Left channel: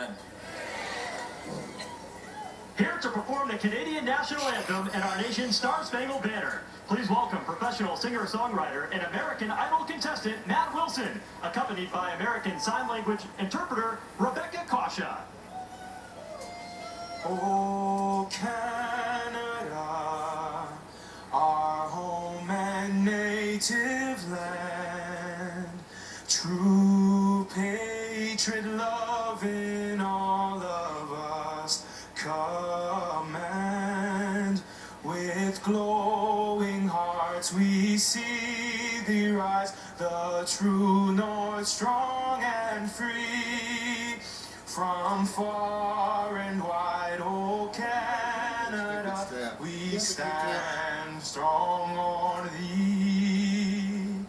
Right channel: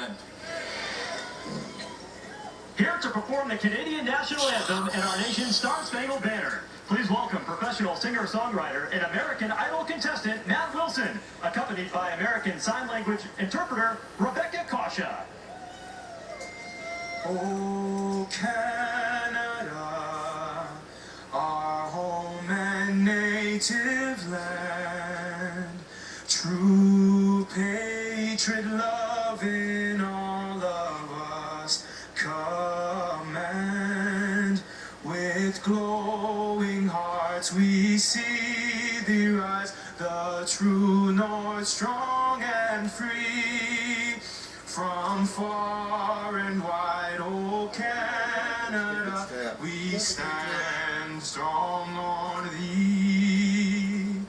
event. Here to perform the Canadian National Anthem and our nation's Star-Spangled Banner, please welcome professional singer-songwriter and American Idol contestant Matt Wilson, accompanied by American Sign Language interpreter Rebecca Kasha. Oh, Canada, our home and native land, true patriot love in all of us command. With glowing hearts we see thee rise, the true north strong and free. From far and wide, oh Canada, we stand strong on thee.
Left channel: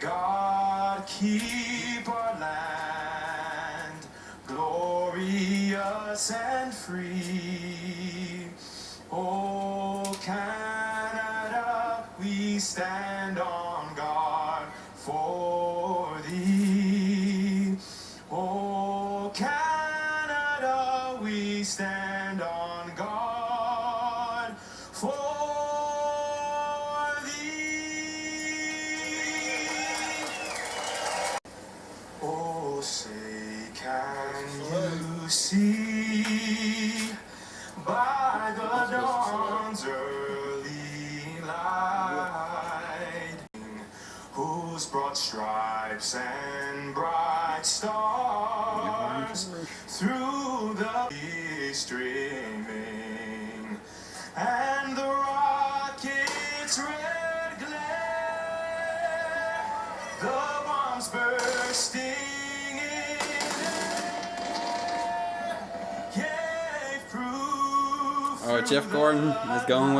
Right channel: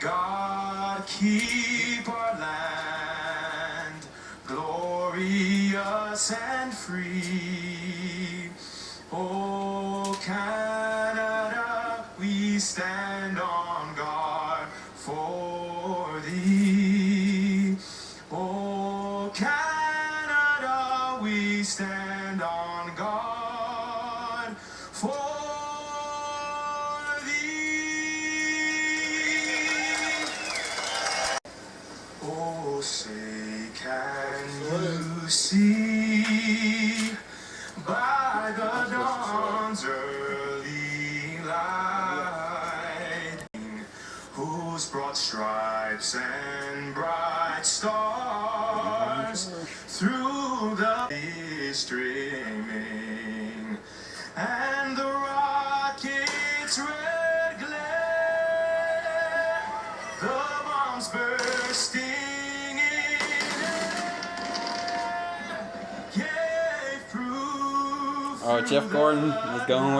God keep our land glorious and free. Oh Canada, we stand on guard for thee. Oh Canada, we stand on guard for thee. Oh, say, can you see by the dawn's early light, whose broad stripes and bright stars through the streaming, and the rocket's red glare, the bombs bursting in air, gave proof. All right, Jeff Gordon is going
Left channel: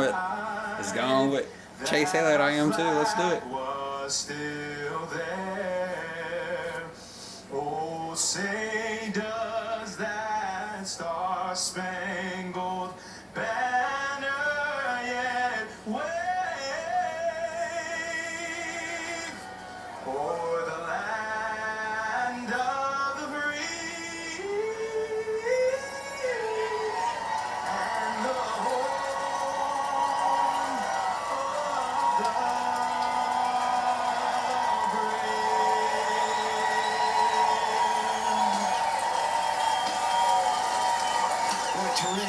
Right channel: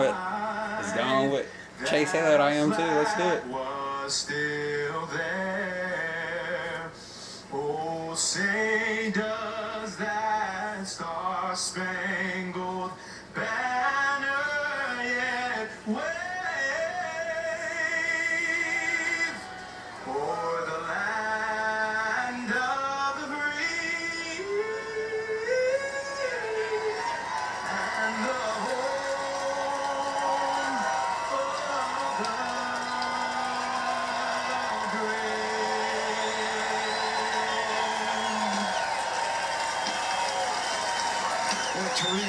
with Chase Elliott. I am too. Let's do it. Was still there. Oh, say does that star-spangled banner yet wave o'er the land of the free and the home of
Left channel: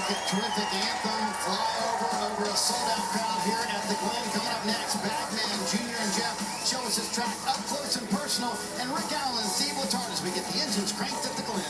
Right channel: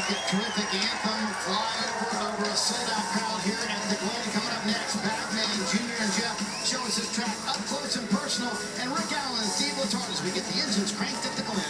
the Terrific anthem, flyover over a sold-out crowd here at the Glen. Coming up next, Batman Jr. and Jeff show us his track up close and personal, and Rick Allen and Steve Letard as we get the engines cranked at the Glen.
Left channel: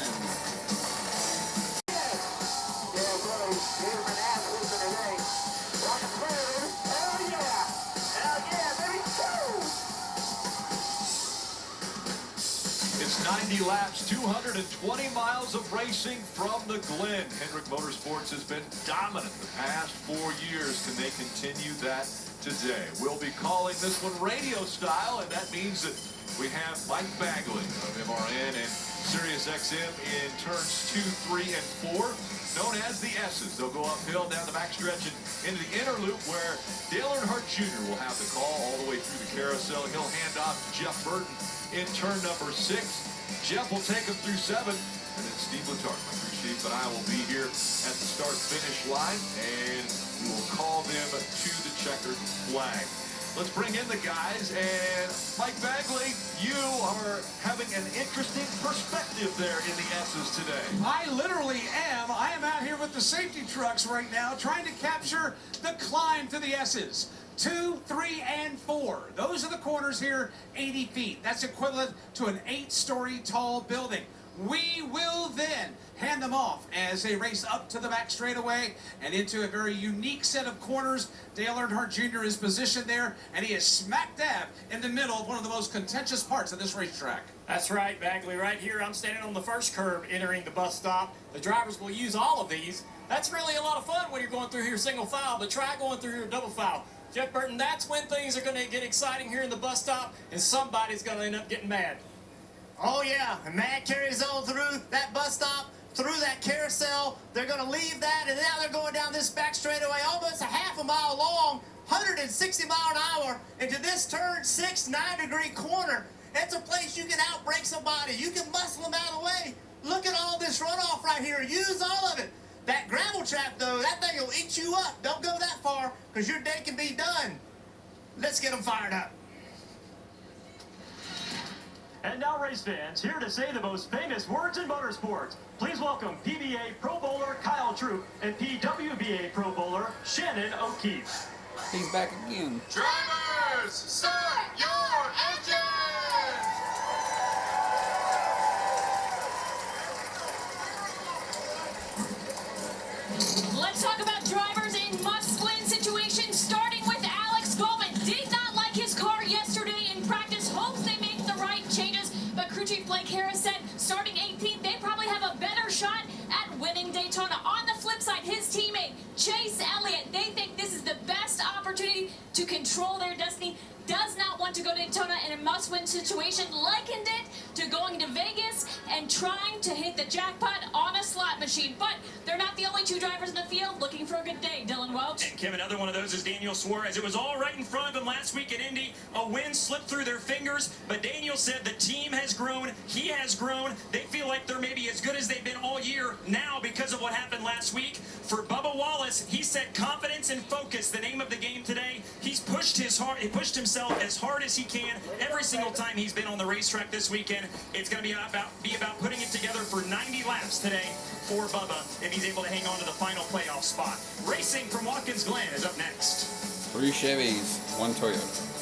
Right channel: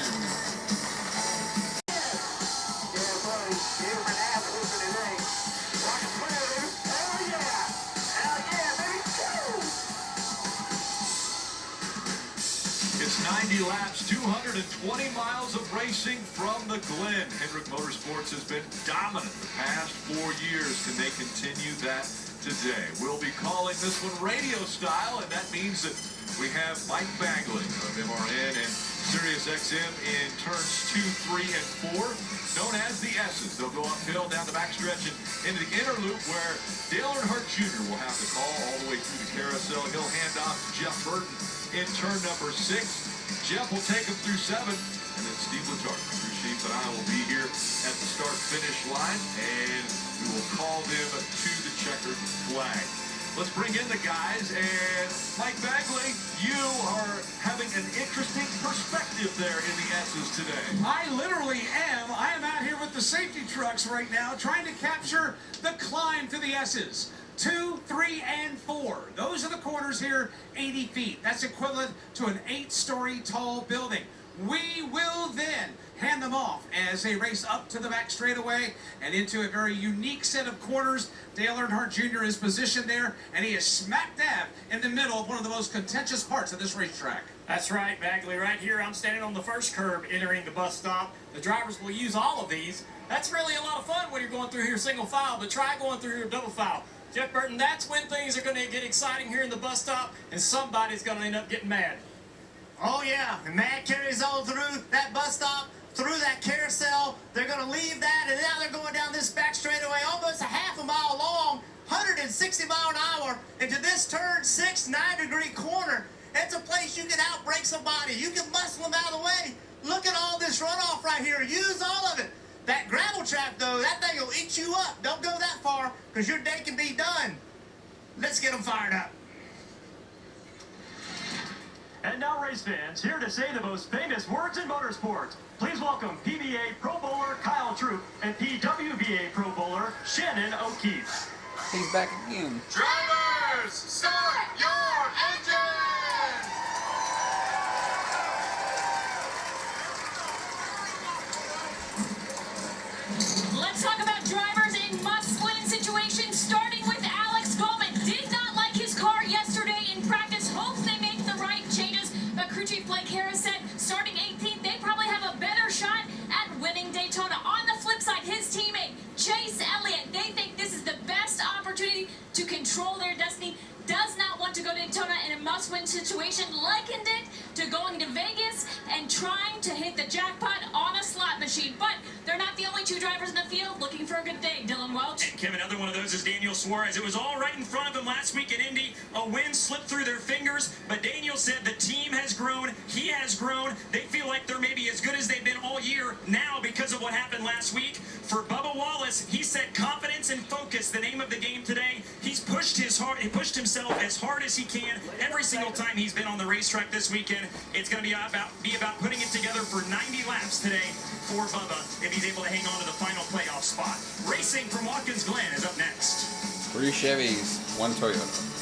It's 90 laps, 220 miles of racing from the Glen. Hendrick Motorsports has been dominant the past 4 years. Can they continue that today? We'll be calling this one radio style, and that means that we have Mike Bagley of MRN and Sirius XM in turns 2, 3, and 4, known as the S's. They'll go uphill down the backstretch and into the inner loop where Dale Earnhardt Jr. will have the call all the way through the carousel. He'll hand off to Jeff Burton in turn number 6. Jeff will take him through 7, and then Steve Letard, my crew chief, and I will be here at the start-finish line, and we will call them to the checkered flag. Let's bring in the guys, and Mike Bagley, you are having an interesting perspective there in the S's today. I literally am. I am out here with the safety trucks right now trying to capture the climb to the S's. 2, 3, and 4. Those are the corners here, 80 feet. That's equivalent to an 8-story tall building. We will then hand them off as they race up to the back straightaway and into a very unique set of corners. Dale Earnhardt Jr. is positioned there, and he is smack dab in the middle of one of the most contentious parts of this racetrack. That's right, Bagley. Right here, I'm standing on the first curb entering the bus stop. The drivers will use all of these. That's really a lot of fun when you're going through here single file, but try going through here double file. Jeff Burton, that's when things are going to get exciting here in the bus stop, and somebody's going to end up getting mad. Oh yeah, and that carries on through that bus stop, through that carousel. They're going to leave that, and now they're going down this back straightaway, almost a half a mile long, 160 mile an hour, into this turn 6, 9-degree corner. It's a place you can outbrake somebody. You can muscle them out of the way. Look at all this runoff right here. Use all of it. That gravel trap, though, that thing will eat you up. Don't go that far, because your day can be done. Let's get them fired up. And now, race fans, here to say the most famous words in motorsports. Please welcome PBA Pro Bowler Kyle Troop and PWBA Pro Bowler Shannon O'Keefe. He's back again. Drivers, start your engines! Let's talk about drivers in must-win situations, starting with Alex Goldman. Did not like his car yesterday in practice. Hopes they make the right changes. But crew chief Blake Harris said starting 18th, they probably have a better shot at winning Daytona. On the flip side, his teammate Chase Elliott, they think this is the best opportunity to control their destiny. Does not want to go to Daytona in a must-win situation, likened it to going to Vegas and trying to hit the jackpot on a slot machine. But they're not the only two drivers in the field looking for a good day. Dylan Welch. And Kim, another one of those is Daniel Suarez. It was all right in front of him last week at Indy. A win slipped through their fingers, but Daniel said the team has grown. He has grown. They feel like they're maybe as good as they've been all year now because of what happened last week. For Bubba Wallace, he said confidence and focus, the name of the game today. He pushed himself as hard as he can every single time he's been on the racetrack this weekend. It's going to be about putting it together for 90 laps today for Bubba if he's able to hang on to the final playoff spot. Racing from Watkins Glen is up next. 3 Chevys, 1 Toyota.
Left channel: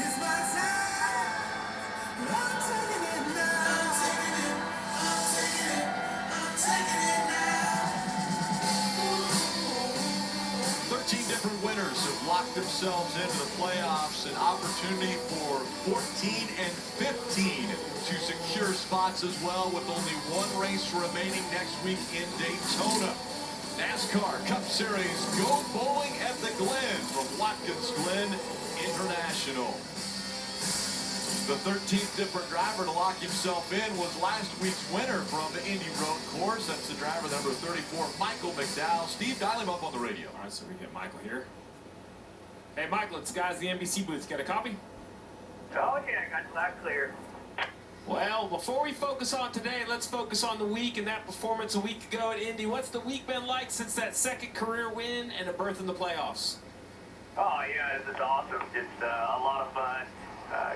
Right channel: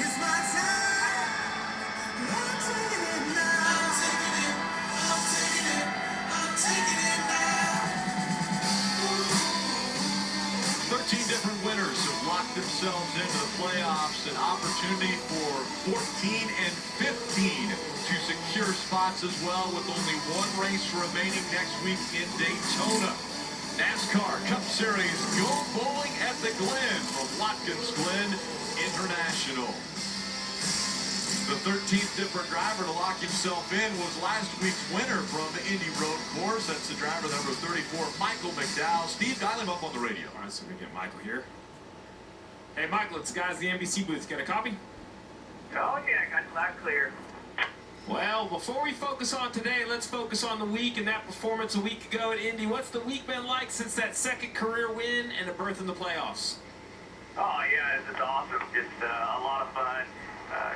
It's my time. I'm taking it now. I'm taking it now. 13 different winners have locked themselves into the playoffs. An opportunity for 14 and 15 to secure spots as well, with only one race remaining next week in Daytona. NASCAR Cup Series Go Bowling at the Glen from Watkins Glen International. The 13th different driver to lock himself in was last week's winner from the Indy Road Course. That's the driver number 34, Michael McDowell. Steve, dial him up on the radio. All right, so we get Michael here. Hey, Michael, it's the guys at the NBC booth. Got a copy? Oh, yeah, I got you loud clear. Well, before we focus on today, let's focus on the week and that performance a week ago at Indy. What's the week been like since that second career win and a berth in the playoffs? Oh, yeah, this is awesome. Just a lot of fun.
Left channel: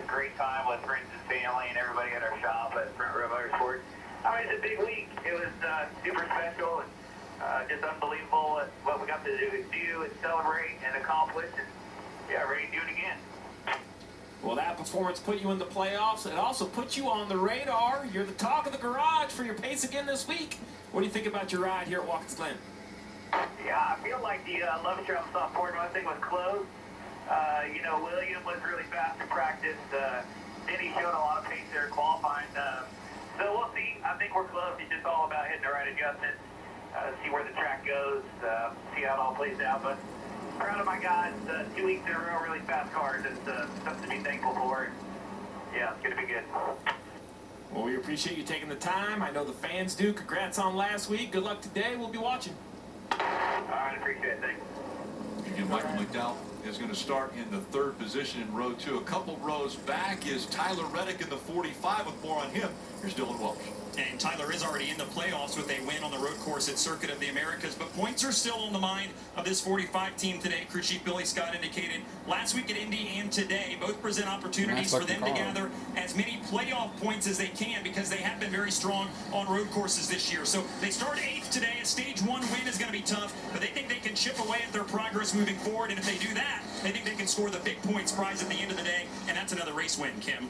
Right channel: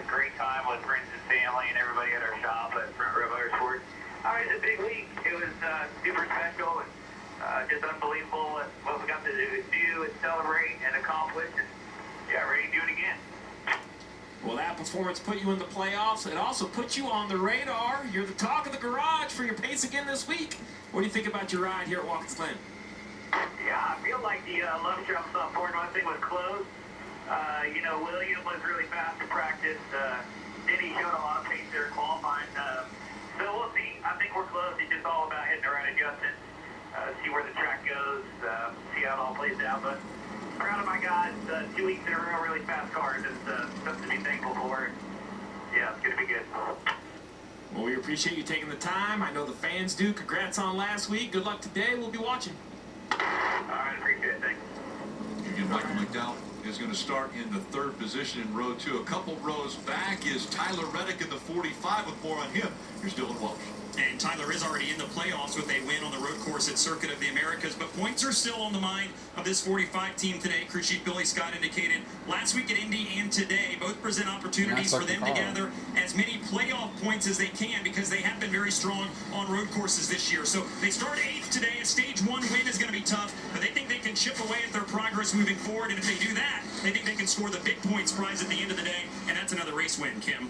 Great time with friends and family and everybody at our shop at Front Row Motorsports. I mean, it's a big week. It was super special and just unbelievable what we got to do and celebrate and accomplish. And, yeah, ready to do it again. Well, that performance put you in the playoffs. It also put you on the radar. You're the talk of the garage for your pace again this week. What do you think about your ride here at Watkins Glen? Yeah, I feel like the love trap stop Ford Mustang was close. You know, William was really fast to practice. Denny showed a lot of pace there qualifying. So we'll see. I think we're close. It's just all about hitting the right adjustments, see where the track goes, see how it all plays out. But proud of my guys. 2 weeks in a row, really fast cars. It's something to be thankful for. Yeah, it's going to be good. Well, we appreciate you taking the time. I know the fans do. Congrats on last week. Good luck today. We'll be watching. All right, appreciate it. Thanks. Again, Michael McDowell is going to start in the 3rd position in row 2. A couple rows back is Tyler Reddick in the 45. With more on him, here's Dylan Welch. And Tyler is already in the playoffs with a win on the road course at Circuit of the Americas, but points are still on the mind of this 45 team today. Crew chief Billy Scott indicated last week at Indy and today both present opportunities for them to gather as many playoff points as they can, because they have been very strong on road courses this year. So they start 8th today. A stage 1 win is going to be tough, but they think they can chip away at their progress moving forward, and if they do that, they think they can score the big points prize at the end of the day, and that's another race win, Kim.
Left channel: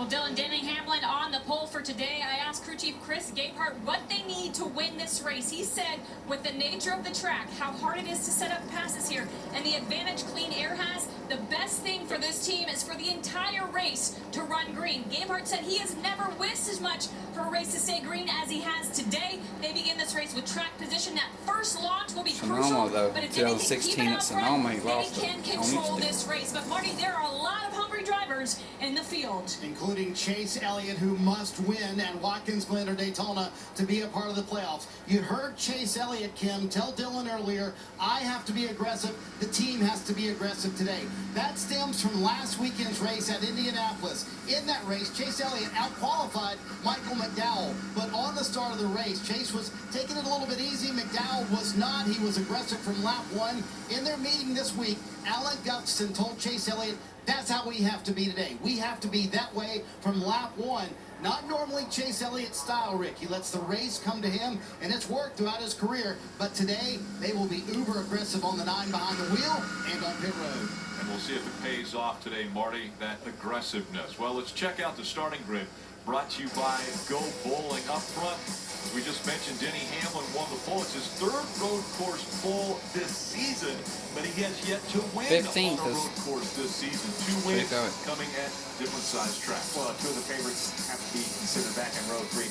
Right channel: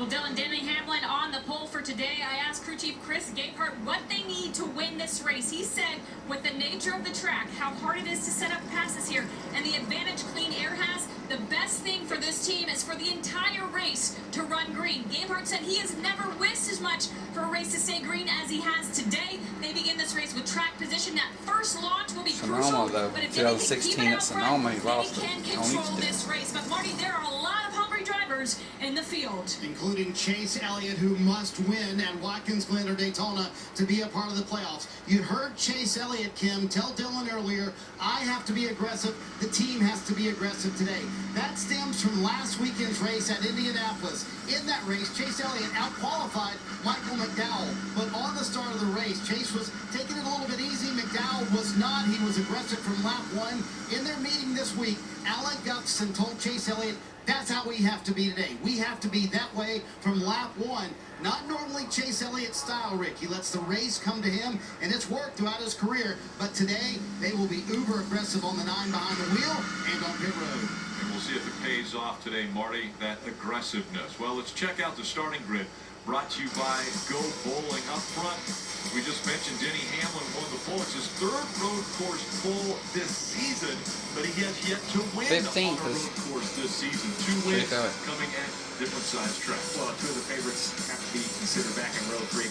Well, Dylan, Denny Hamlin on the pole for today. I asked crew chief Chris Gabehart what they need to win this race. He said, with the nature of the track, how hard it is to set up passes here, and the advantage Clean Air has, the best thing for this team is for the entire race to run green. Gabehart said he has never wished as much for a race to stay green as he has today. They begin this race with track position. That first launch will be Sonoma, crucial, though, but if 2016 they can at keep it out Sonoma, front, he they lost it. can Don't need control to. this race. But Marty, there are a lot of hungry drivers in the field, including Chase Elliott, who must win at Watkins Glen or Daytona to be a part of the playoffs. You heard Chase Elliott, Kim, tell Dylan earlier, I have to be aggressive. The team has to be aggressive today. That stems from last weekend's race at Indianapolis. In that race, Chase Elliott out-qualified Michael McDowell. But on the start of the race, Chase was taking it a little bit easy. McDowell was not. He was aggressive from lap 1. In their meeting this week, Alan Gustafson told Chase Elliott, that's how we have to be today. We have to be that way from lap 1. Not normally Chase Elliott's style, Rick. He lets the race come to him, and it's worked throughout his career. But today, they will be uber aggressive on the 9 behind the wheel and on pit road. And we'll see if it pays off today, Marty, that aggressiveness. Well, let's check out the starting grid. Brought to you by Go Bowling. Up front, as we just mentioned, Denny Hamlin won the pole. It's his 3rd road course pole this season, but he has yet to win 15th on a road course this season. 2 wins coming at different size tracks. Well, 2 of the favorites have to be considered back in row 3.